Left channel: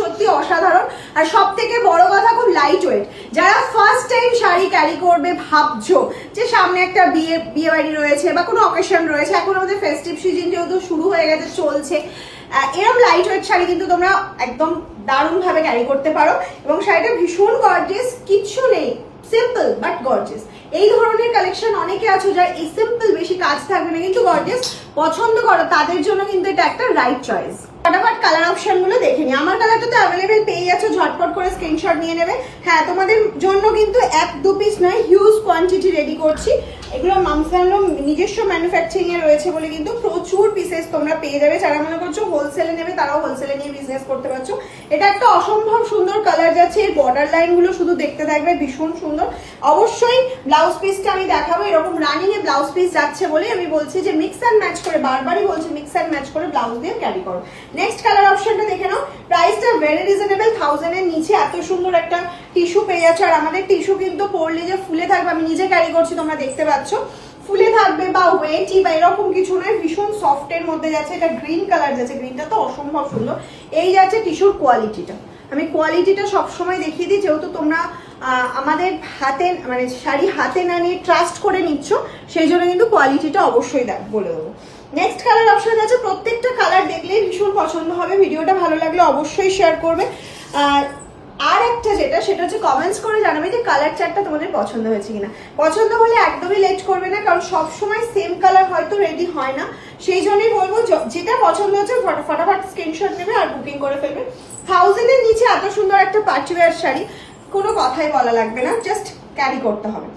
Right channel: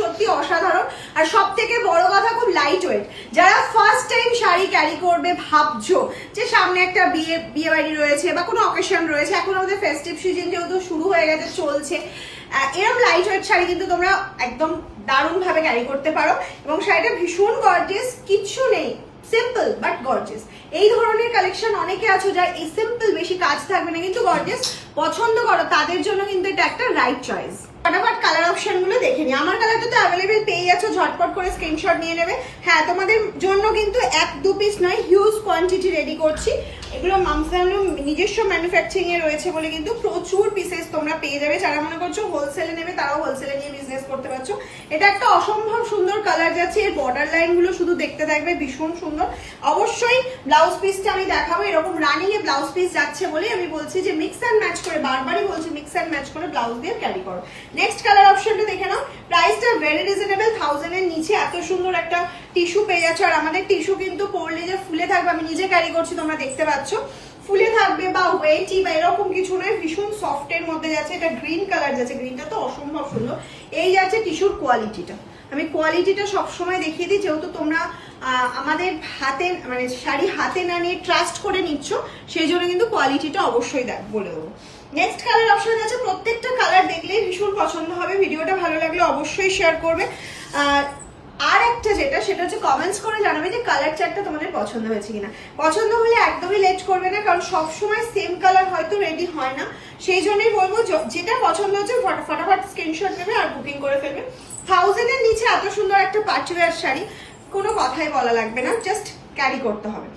সত্যি অসাধারণ। আর সব থেকে বড় কথা খুব লাইট ওয়েট। যারা ফার্স্ট টাইম শাড়ি ক্যারি করবে ভাবছো যে সামনে একটা বিয়ে বাড়ি রয়েছে বা কোনো অকেশন রয়েছে, এখন আমাদের ফেস্টিভ সিজন যেহেতু শুরু হয়ে গেছে, চলছে, এরকম লাইট ওয়েট শাড়ি কিন্তু তোমরা একদম দারুণ ভাবে ক্যারি করতে পারো। এবং শাড়িটা ভীষণ গর্জিয়াস, কিচ্ছু নেই, সিম্পল বাট গর্জিয়াস। এই ধরনের কালেকশন অনেকে আছে যারা এই সিম্পল, বেশি কাজ থাকবে না কিন্তু গর্জিয়াস পছন্দ করো, তাদের জন্য কিন্তু এটা একটা রাইট চয়েস। ফটাফট কালার অপশন গুলো দেখে নি। আমার কালারটা তো অ্যাভেলেবেল পেয়ে যাচ্ছ, ঝটপট করে স্ক্রিনশট নিয়ে নেবে। হ্যাঁ, তোমাদের জন্য কিন্তু 1-2 পিস নয়, হিউজ কোয়ান্টিটি রেডি করছি। এগুলো মামসানলো নিজস্ব ম্যানুফ্যাকচারিং এ রয়েছে বলে কিন্তু প্রচুর পিসেস তোমরা পেয়ে যাবে। যারা মনে করছো হোলসেলে নেবে তারাও হোলসেলে নিয়ে বিজনেস করতে পারছো। এটা একটা অসম্ভব সুন্দর কালার যাচ্ছে। এর বর্ডার লাইন গুলো শুধু দেখতে থাকবে, ভীষণ সুন্দর। অবশ্যই ব্লাউজ পিসটা আমি দেখাবো। এরকম রানিং এ ব্লাউজ পিস যাচ্ছে বলে আমি বলছি যে মিক্স অ্যান্ড ম্যাচ করে, বারবারই বলছি মিক্স অ্যান্ড ম্যাচ করে ব্লাউজ দিয়ে ক্যারি করো। নেক্সট কালার অপশনটা দেখে নাও। প্রাইসটা ভেরি রিজনেবল, 1000 এর নিচে এত সুন্দর একটা টিস্যু পেয়ে যাচ্ছে। আর আমাদের টিস্যু কিন্তু পরলে যে ফুলে থাকবে, আমি নিজে ক্যারি করছি তোমরা দেখতে পাচ্ছ, ফুলে থাকবে বা ওয়েটি বা এরকম কিছু নয়, ভীষণ সফট এর মধ্যে যাচ্ছে। এটা গ্রিন কালার যাচ্ছে, গ্রিনটা তো অসম্ভব সুন্দর। এই যাচ্ছে টিস্যুর কোয়ালিটিটা, আমি কোয়ালিটিটা সবসময় দেখিয়ে দিই, যেহেতু তোমরা আমাদের হাতে মানে শাড়ি হাতে না নিয়ে ট্রাস্ট করে নিচ্ছ, সেই জন্য কিন্তু কোয়ালিটিটা অবশ্যই বলে দেবো। নেক্সট কালার অপশন আছে, প্রত্যেকটা কালার দেখলেই ভীষণ পছন্দ হবে। ভিডিওটা ভালো লাগলে অবশ্যই শেয়ার করবে। আর একটা যেটা, সেটা হচ্ছে কমেন্টস করে জানাবে যে কালার চার্টটা তোমাদের পছন্দ হয়েছে কিনা। পছন্দ হলে একদমই লেট করবে না, কারণ সবসময় সেম কালার হয়তো রেডি হয় না। সেই জন্যই বলবো যেটা পছন্দ হচ্ছে ফটাফট স্ক্রিনশট নেবে আর বুকিং করে ফেলবে। 1000 এর নিচে এত সুন্দর একটা পার্টি ওয়্যার শাড়ি, কোনো কথাই বলা লাগবে না, জাস্ট ক্যারি করতে হবে।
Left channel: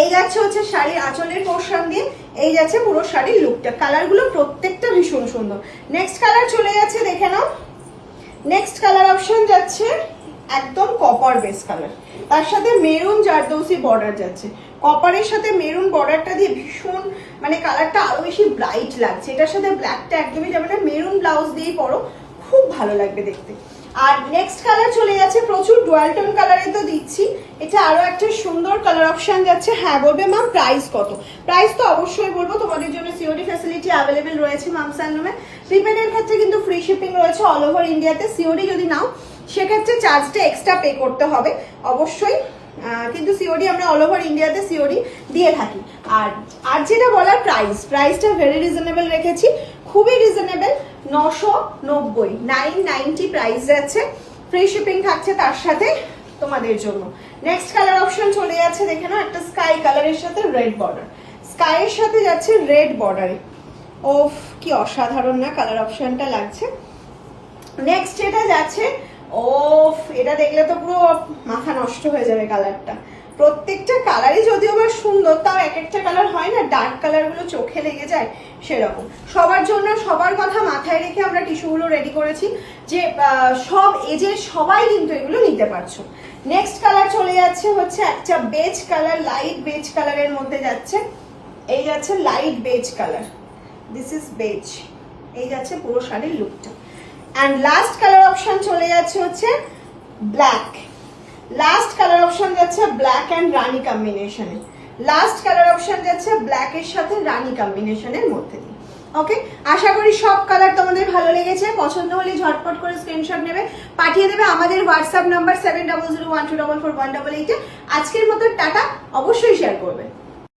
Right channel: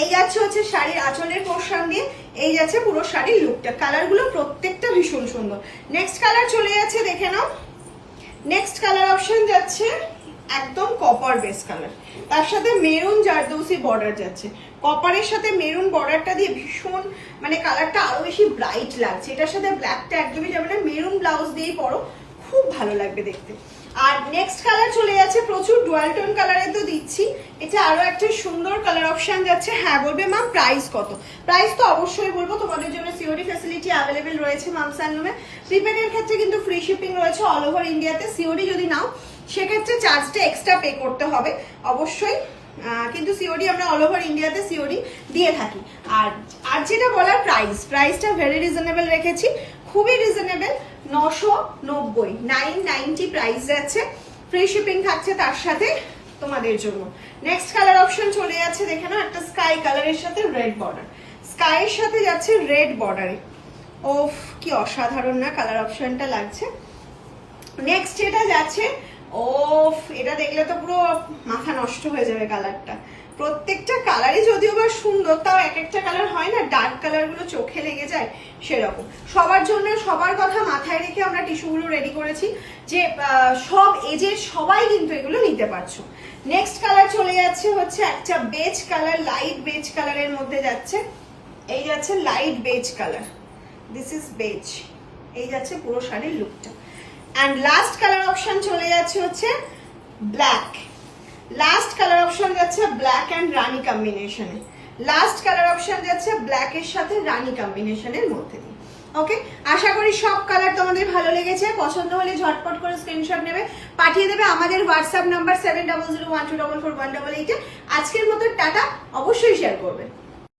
এই যাচ্ছে হচ্ছে শাড়ির আঁচলের পোর্শন দিয়ে, এই যাচ্ছে পুরো শাড়ির লুকটা। কালারগুলো প্রত্যেকটা ভীষণ সুন্দর। নেক্সট কালার চলে যাচ্ছে, দেখে নাও। নেক্সট কালার অপশন যাচ্ছে একদম কপার বেস কালার, তার সাথে মেরুন জারদৌসি বর্ডার যাচ্ছে। কপারের সাথে মেরুন বর্ডারটা দিয়ে ভীষণ মানে কালারটা আরো বেশি ব্রাইট লাগছে। এটার সাথে ব্ল্যাকটা একদমই যাবে না, মেরুন ব্লাউজ দিয়েই পরো, খুব ভালো লাগবে দেখতে। আর নেক্সট কালার চলে যাচ্ছে, প্রচুর ডুয়াল টোন কালারে তো দিচ্ছি, এটা আরো একটা সুন্দর কালার অপশন যাচ্ছে। হ্যাঁ, বলবে ম্যাম প্রাইস কত? প্রাইস তো অবশ্যই বলবো, তোমাদের জন্য সিওডি ফ্যাসিলিটি অ্যাভেলেবেল রয়েছে মামসানলুমে। প্রিপেডের ক্ষেত্রে কিন্তু ফ্রি শিপিং রয়েছে অল ওভার ইন্ডিয়াতে। সিওডি যদি নাও সেক্ষেত্রে চার্জটা এক্সট্রা পে করতে হবে অবশ্যই, কিন্তু সিওডি আমরা অল ওভার ইন্ডিয়াতে সিওডি দিয়ে থাকি। আর যেটা বলার প্রাইসটা ভেরি রিজনেবল রেখেছি, খুবই রিজনেবল। 990, 990 প্রাইস যাচ্ছে, ফ্রি শিপিং থাকছে তার সাথে তোমাদের জন্য। নেক্সট কালার অপশন চলে যাচ্ছে, দেখে নাও, একটা স্কাই কালারের সাথে রেড বর্ডার, স্কাইয়ের সাথে যাচ্ছে রেড বর্ডারে। ওফ, কি অসাধারণ না কালার অপশনটা লাগছে। নেক্সট এটা যাচ্ছে, ওফ, এটা দেখলে তো পুরো মাথা নষ্ট হয়ে যাবে কালারটা। প্রত্যেকটা কালারই যদিও বা সুন্দর, তাও এক একটা কালার হয় না ডার্ক কালার গুলো চোখে লেগে যায়, সেরকম। সবার জন্য সবার কথা মাথায় রেখে আমরা টিস্যুগুলো রেডি করেছি, যে সব এজের সবাই কিন্তু এগুলো নিতে পারছো। নেক্সট কালার চলে যাচ্ছে হচ্ছে একটা বেজ কালার, লাইট বেজ কালারের মধ্যে যাচ্ছে। এই যাচ্ছে light beige colour, this is beige. এই যাচ্ছে পুরো শাড়ির লুকটা। অ্যান্ড লাস্ট কালার অপশন চলে যাচ্ছে হচ্ছে ব্ল্যাক। লাস্ট কালার অপশন যাচ্ছে ব্ল্যাক অ্যান্ড রানী কম্বিনেশনে। লাস্ট কালার অপশন যাচ্ছে ব্ল্যাক এর সাথে রানী কম্বিনেশনের মধ্যে দিয়ে। ওকে, আশা করি সব কালার তোমাদের ভালো লেগেছে। পছন্দ হলে ঝটপট করে স্ক্রিনশট নেবে, পাঠিয়ে দেবে আমাদের হোয়াটসঅ্যাপ নাম্বার 7001244188। আজকের মতো টাটা, অবশ্যই শেয়ার করবে।